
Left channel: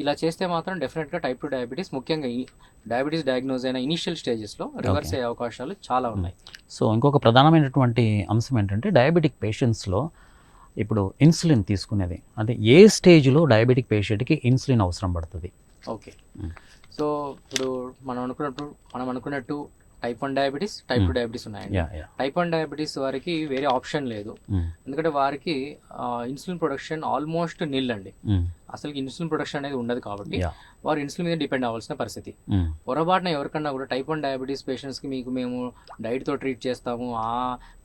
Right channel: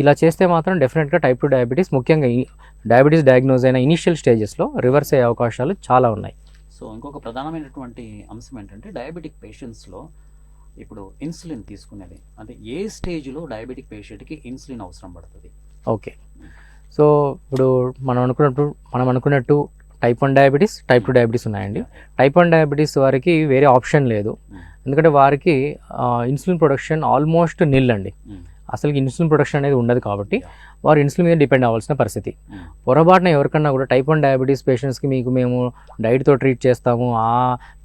ఇలా చేస్తే మాత్రం డెఫినెట్గా టైప్ 2 డయాబెటీస్, ముఖ్యంగా డయాబెటీస్ డయాగ్నోజ్ అయిన ఇనిషియల్ స్టేజెస్లో రివర్స్ అయ్యే అవకాశాలు చాలా ఉన్నాయి. సో ఇంకొక ప్రధానమైనటువంటి అంశం ఏంటంటే డయాబెటిక్ పేషెంట్స్లో ఇప్పుడు ఇన్సులిన్ తీసుకునేది, అంటే ఏ స్టేజ్లో డయాబెటిక్ పేషెంట్కి ఇన్సులిన్ అవసరం పడుతుంది? ఓకే. సో ఇప్పుడు మనం అనుకున్నట్టు టైప్ 1 డయాబెటీస్, టైప్ 2 డయాబెటీస్ ఉన్నాయండి. టైప్ 1 డయాబెటీస్ వారికి వేరే ఆప్షన్ లేదు, ఎందుకంటే వారికి ఇన్సులిన్ ప్రొడక్షన్ ఆల్మోస్ట్ నిల్ అండి. అసలు ఇన్సులిన్ ప్రొడక్షన్ అనేది ఉండదు కాబట్టి వారు ఇన్సులిన్ మీద డిపెండ్ అవ్వాల్సిన పరిస్థితి. పొరపాటున ఎవరికన్నా కూడా టైప్ 1 డయాబెటీస్ పేషెంట్స్కి మేము డైట్తో ట్రీట్ చేస్తాము, ఆ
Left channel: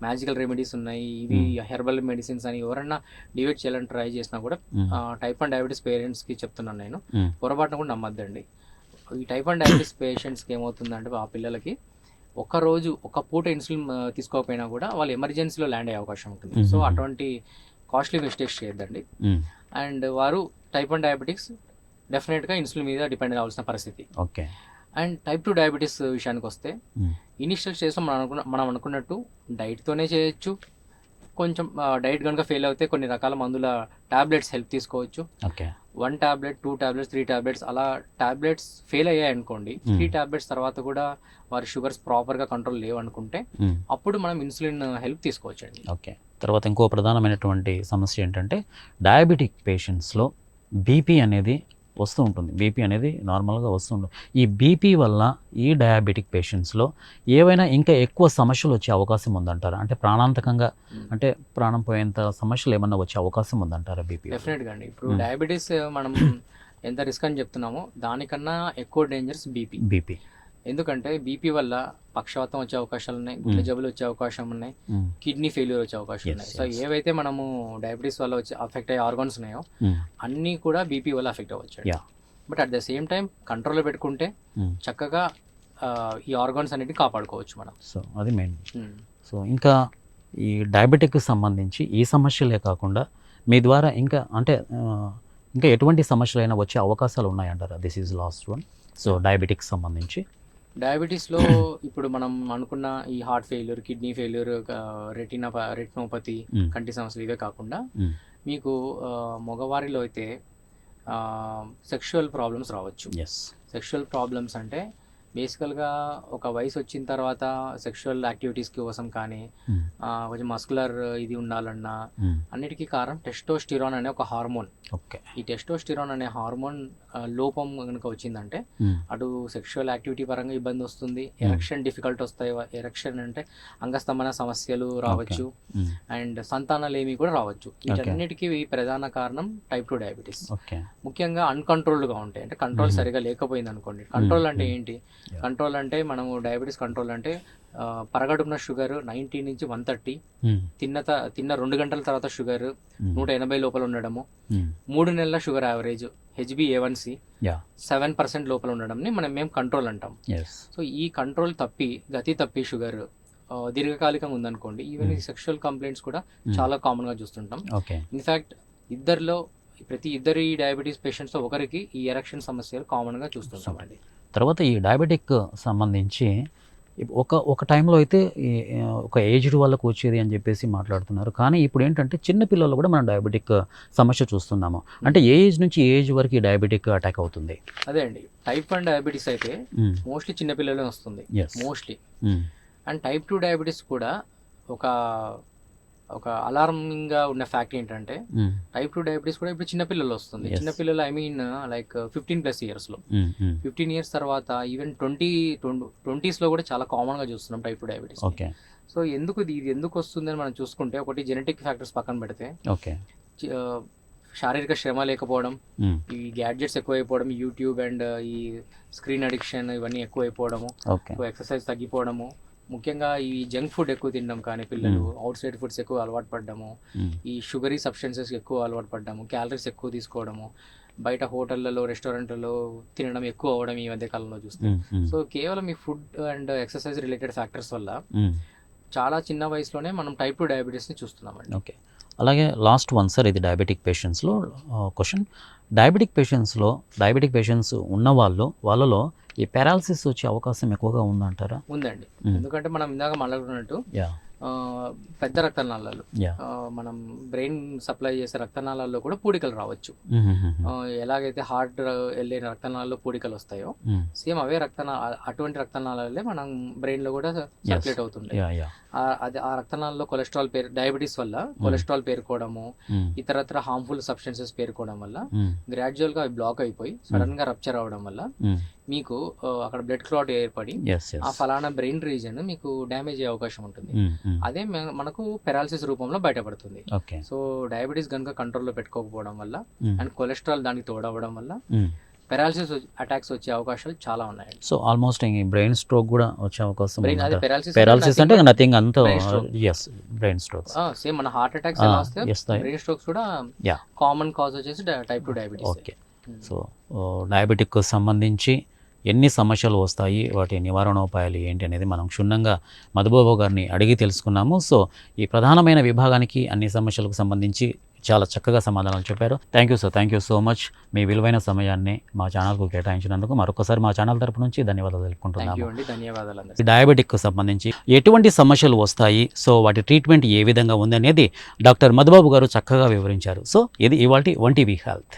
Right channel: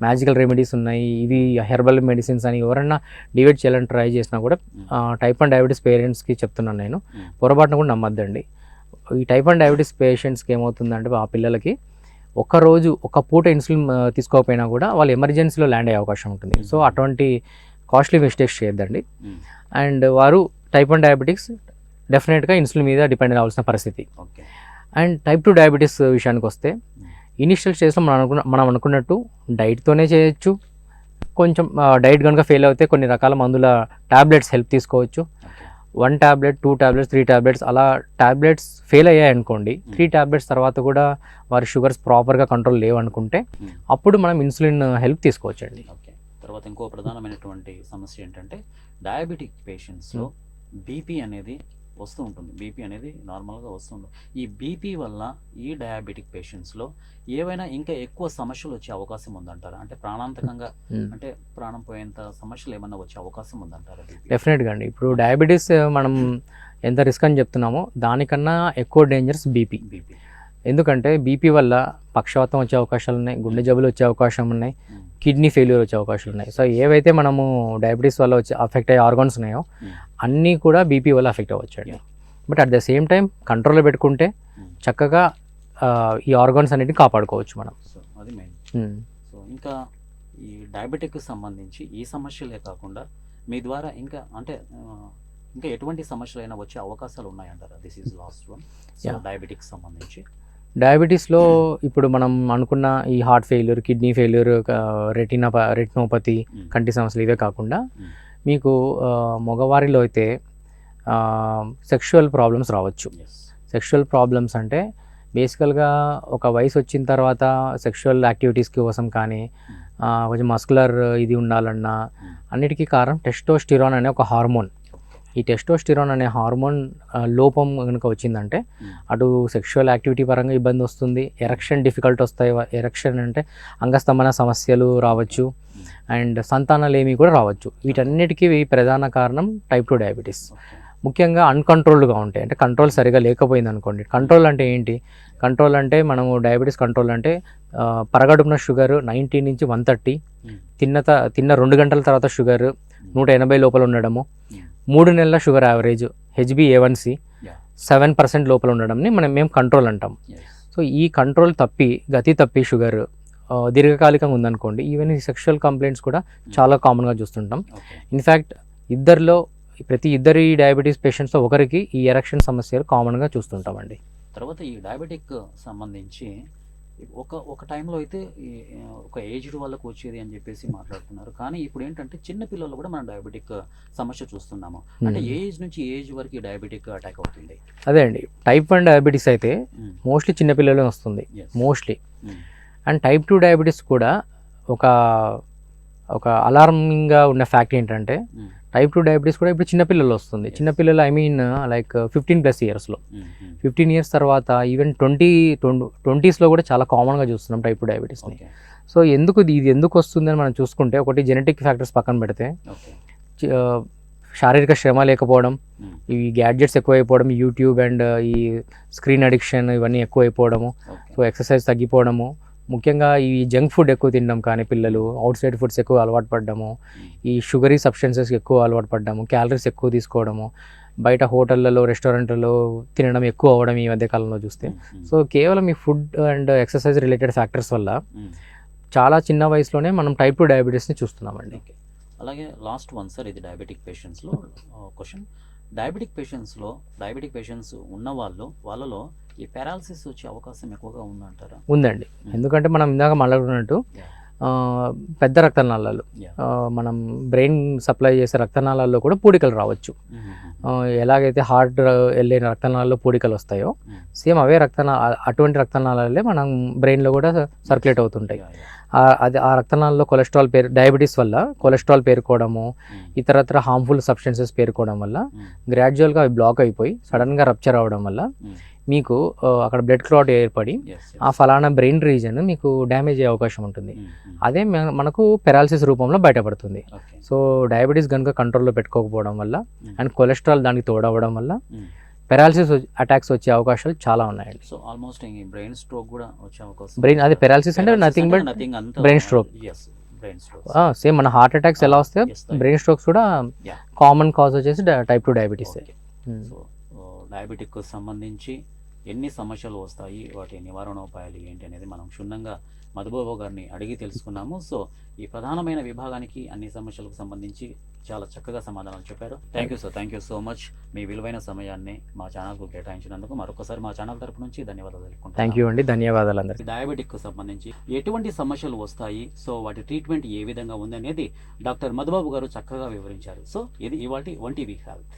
మ్యాజికల్ రెమెడీస్ ఉన్నాయి, ఇవి హెర్బల్ మెడిసిన్స్ అని ఎవరన్నా డివైడ్ చేయాలని ట్రై చేసినా కూడా టైప్ 1 డయాబెటీస్ పేరెంట్స్కి చెప్తున్నాను నేను, పొరపాటున కూడా నమ్మద్దండి. ఈ టైప్ 1 డయాబెటీస్ పేషెంట్స్కి ఏమవుతుందంటే ఆ పిల్లలకి ఒక పూట ఇన్సులిన్ తీసుకోకపోయినా కూడా వాళ్ళు ఎమర్జెన్సీలో ల్యాండ్ అయ్యే అవకాశం ఉంటుంది. సో అటువంటి కాస్ట్లీ మిస్టేక్స్ చేయొద్దండి. అండ్ వారు టైప్ 1 డయాబెటిక్స్ డెఫినెట్గా ఇన్సులిన్ మీద డిపెండ్ అవ్వాల్సిన పరిస్థితి. అండ్ టైప్ 2 డయాబెటీస్ విషయానికి వస్తే ఇనిషియల్ స్టేజ్లో మనం అనుకున్నట్టు డైట్తోనే చేయొచ్చు. కొంచెం డైట్ కనుక ఫెయిల్ అవుతే కొన్ని రకాల మందుల టాబ్లెట్స్ హెల్ప్ తీసుకోవచ్చు. 1 టాబ్లెట్, 2 టాబ్లెట్స్, 3 టాబ్లెట్స్, అలా టాబ్లెట్స్ ఫెయిల్ అయ్యాయి అనుకోండి, 3 టాబ్లెట్స్ తర్వాత కూడా వారి షుగర్స్ ప్రాపర్గా కంట్రోల్ లేవనుకుంటే అప్పుడు మనం ఇన్సులిన్ హెల్ప్ తీసుకోవచ్చండి. తర్వాత ఇంకో ప్రధానమైనటువంటి సమస్య ఏంటంటే డయాబెటిక్ పేషెంట్స్లో బీపీ అనేది వస్తూ ఉంటుంది. బీపీ అనేది నార్మల్గా వస్తుంటుంది. ఈ బీపీ వల్ల ఈ డయాబెటిక్ పేషెంట్స్లో ఏవైనా ఇంకా ఎక్కువ సమస్యలు వచ్చే అవకాశం ఉందంటారా? అంటే ప్రాణాంతకంగా, అంటే ప్రాణం పోయేంత సమస్యలు ఏమన్నా వచ్చే అవకాశం ఉందంటారా బీపీ? డెఫినెట్గా అండి. ఇప్పుడు డయాబెటీస్ మనం ఎంత రిస్క్ అని చెప్తున్నామో దానికన్నా ఎక్కువ డేంజర్స్ బీపీ. ఎందుకంటే బీపీ వల్ల పక్షవాతం వచ్చే అవకాశాలు ఉన్నాయి, గుండె Mm. జబ్బులు వచ్చే అవకాశం ఉన్నాయి, Mm. కిడ్నీ ఫెయిల్యూర్ వచ్చే అవకాశాలు Yes, ఉన్నాయి. So yes. ఏవైతే మనము డయాబెటీస్ వల్ల వచ్చే అఫెక్ట్ అయ్యే ఆర్గాన్స్ ఉన్నాయో Mm. అన్నీ కూడా బీపీ వల్ల అఫెక్ట్ అవ్వచ్చు. Yeah. But at the same time కంట్రోల్లో పెట్టుకుంటే Mm. చక్కగా ఈ ఆర్గాన్స్ అన్నిటిని కాపాడుకోవచ్చు మనం. సో అది మెయిన్. Mm. సో ఇంకా ఈ డయాబెటిక్కి సంబంధించి ఈ సమస్యలే కాకుండా మీ ద్వారా ఇంకా అంటే ఇంకా ఎటువంటి సమస్యలైనా వచ్చే అవకాశాలు ఉన్నాయంటారా? This is last one. So Yeah. Diabetics సంబంధించి డయాబెటీస్లో ఇప్పుడు మనం అనుకున్న ఈ heart failure, kidney failure, retinopathy, Mm. కంటి సమస్యలు ఇవే కాకుండా Mm. మీకు మగవారిలో అయితే సెక్షువల్ ప్రాబ్లమ్స్ రావచ్చు. ఎస్. సెక్షువల్ ప్రాబ్లమ్స్ అంటే బేసికల్గా ఒక వయసు వచ్చిన తర్వాత సెక్షువల్ యాక్టివిటీస్ కోసం కానీ కొంచెం మస్కులర్ ఇది ఉండాలన్నా అన్నిటికీ కారణం టెస్టోస్టిరాన్ అనే ఒక హార్మోన్. ఓకే. ఈ టెస్టోస్టిరాన్ అనే హార్మోన్ లోపం కనుక వచ్చిందంటే అటు సెక్షువల్ యాక్టివిటీ పరంగా ఇబ్బంది వస్తుంది, ఎరక్షన్ డిఫికల్ట్ వస్తాయి. ఎరక్షన్ అంటే అంగస్తంభన సమస్యలు రావచ్చు, అండ్ సంతానలేమి కూడా రావచ్చు. వీటన్నిటికీ ప్రధాన కారణం టైప్ 2 డయాబెటీస్. ఓకే. ముఖ్యంగా అన్కంట్రోల్డ్గా ఉంటాయి, అంటే కంట్రోల్ సరిగా లేకపోయింది అనుకోండి. కంట్రోల్ అంటే ఏంటి? కంట్రోల్ అంటే మనము డయాబెటీస్ కంట్రోల్ అంటే పరగడుపున షుగర్ 90 నుంచి 130, తిన్న 2 గంటల తర్వాత షుగర్ 180 లోపల ఉండడము, 3 నెలల షుగర్ యావరేజ్ HbA1c 7% లోపల ఉండడంని మేము కంట్రోల్ అంటాం. సో ఈ కంట్రోల్ గతి తప్పి షుగర్ దీర్ఘకాలికంగా ఉందనుకోండి, ఈవెన్ ఈ సెక్షువల్ కంప్లైంట్స్ కూడా చాలా కామన్గా చూస్తుంటాం. ఇన్ఫ్యాక్ట్ ప్రతి ఇద్దరి డయాబెటీస్ పేషెంట్స్లో ఒకరికి ఈ ఎరక్షన్ సమస్యలు కామన్గా చూస్తుంటామండి. తర్వాత ఈ డయాబెటిక్ సంబంధించి ఒక టైంలో అయితే ఒక ఏజ్డ్ వాళ్ళకు వచ్చేది అని చెప్పేసి మాట్లాడుతున్నారు, కానీ ఇప్పుడు ఏంటంటే చిన్న పిల్లల్లో కూడా మనం డయాబెటిక్ సమస్య చూస్తున్నాము. అంటే ఏ ఏజ్ నుంచి ఏ ఏజ్ వరకు ఈ డయాబెటిక్ అటాక్ అవుతుంది? అదే అండి, టైప్ 1 డయాబెటీస్ అయితే మోస్ట్లీ చిన్నపిల్లలే వస్తుంది మోస్ట్లీ. అండ్ టైప్ 2 డయాబెటీస్ కూడా ఒక అలార్మింగ్గా ఉన్న ఫ్యాక్ట్ ఏంటంటే టైప్ 2 డయాబెటీస్ కూడా ఇప్పుడు చిన్నపిల్లలు వస్తుంది. చిన్నపిల్లలు ఐ మీన్ లైక్ 15+ ఇయర్స్లో, 15 ఇయర్స్ తర్వాత ఈవెన్ 20s కూడా చాలా కామన్గా చూస్తున్నాం టైప్ 2 డయాబెటీస్. సో ఇది ఎందుకు వస్తుందని మనం చూసుకుంటే, ఒకటి జెనెటిక్ ఫ్యాక్టర్స్ పక్కన పెడితే, శారీరక శ్రమ లేకపోవడం, ఈ గ్యాడ్జెట్స్ ఎక్కువైపోవడం, యూట్యూబ్ అండ్ ఈ స్క్రీన్ అడిక్షన్ ఇవన్నీ ఎక్కువైపోవడము, సో ఎక్సర్సైజ్ తగ్గిపోవడము, ముఖ్యంగా ఈ జంక్ ఫుడ్ ఎక్కువ తినడం, కానీ పిల్లలు అవుట్ సైడ్ ఫుడ్స్ ఎక్కువ అలవాటు పడ్డము, ఈ షుగరీ సబ్స్టెన్సెస్ ఎక్కువ అలవాటు పడ్డము, క్యాలరీస్ ఎక్కువ తీసుకోవడము, బయట హోటళ్లలో రెస్టారెంట్లలో తినడం ఎక్కువ అవ్వడం ఈ మధ్య కాలంలో చూస్తే. సో కేవలం ఈ food and exercise related factors వల్ల చాలా చిన్న వయసులోనే మనం టైప్ 2 డయాబెటీస్ని చూస్తున్నామండి. ఓకే. అలాగే లాస్ట్ వన్ సార్, ఇది డయాబెటిక్ పేషెంట్స్లో క్వశ్చన్. డయాబెటిక్ పేషెంట్స్ ఉన్న వాళ్ళలో ఈ పారాలసిస్ వచ్చే అవకాశం ఎక్కువగా ఉందంటారా? ఉందండి, ఎందుకంటే మనం ఇందాక మాట్లాడుకున్నట్టు పెద్ద రక్తనాళాలు, మనం బ్రెయిన్ సప్లై చేసే రక్తనాళాల్లో కూడా పూడికలు రావచ్చు. ఎలాగైతే హార్ట్ వెళ్ళే రక్తనాళాల్లో పూడికలు వస్తాయో, సేమ్ అవే అటువంటి రక్తనాళాలే మనం బ్రెయిన్లో కూడా సర్క్యులేట్ అవుతుంటాయి. ఆ రక్తనాళాల్లో డయాబెటీస్ వల్ల కొలెస్ట్రాల్ పేరుకోవడము, ఇతరత్ర హార్మ్ఫుల్ సబ్స్టెన్సెస్ పేరుకోవడం వల్ల గ్రాడ్యువల్గా అవి బ్లాక్ అయిపోయి సడన్గా రప్చర్ అవ్వడం వల్ల మీకు అక్కడ బ్లడ్ క్లాట్ ఏర్పడి ఆ ఫలానా బ్రెయిన్ రీజన్ మీకు డ్యామేజ్ అయ్యే అవకాశం ఉంటుంది. అదే మనకు పెరాలసిస్ రూపంలో బయటపడుతుంది. సో డయాబెటీస్ కనుక కంట్రోల్లో పెట్టుకోకపోవడం వల్ల అండ్ కొలెస్ట్రాల్ దానికి తోడవడం వల్ల పెరాలసిస్ అటాక్స్ వచ్చే అవకాశాలు చాలా ఉన్నాయండి. సో ఆల్మోస్ట్ బ్రెయిన్ స్ట్రోక్ కూడా వచ్చే అవకాశం. అదే పెరాలసిస్ బ్రెయిన్ స్ట్రోక్ సేమ్ మన హార్ట్ అటాక్స్ ఎలా వస్తాయో బ్రెయిన్ స్ట్రోక్స్ కూడా కామన్ కాజ్ వచ్చేసి టైప్ 2 డయాబెటీస్. సో డయాబెటిక్ సంబంధించి ఎన్ని సమస్యలు వస్తాయి, వాటి నివారణోపాయాలు ఏంటి అనేది మనం క్షుణ్ణంగా మధుబాబు గారిని అడిగి తెలుసుకున్నాము. సో ఈ ప్రధానమైన విభాగానికి అన్ని సమస్యలకు సంబంధించి చాలా చక్కగా సమాధానాలు చెప్పారు. Thank you sir, thank you so much. మీ విలువైన సమయాన్ని మా ఛానల్కు కేటాయించినందుకు మరొకసారి మా ఛానల్ తరపు నుంచి ధన్యవాదాలు తెలుపుకుంటున్నాను. థ్యాంక్ యూ అండి, ధన్యవాదాలు అందరికీ. డయాబెటిక్ సంబంధించి ఎటువంటి సమస్యలు వస్తాయి, సో వాటి ట్రీట్మెంట్ ఏ విధంగా ఉంది అనేది డాక్టర్ మధుబాబు గారు చక్కగా వివరించారు. సో ఇది ఇవాల్టి 1TV హెల్త్.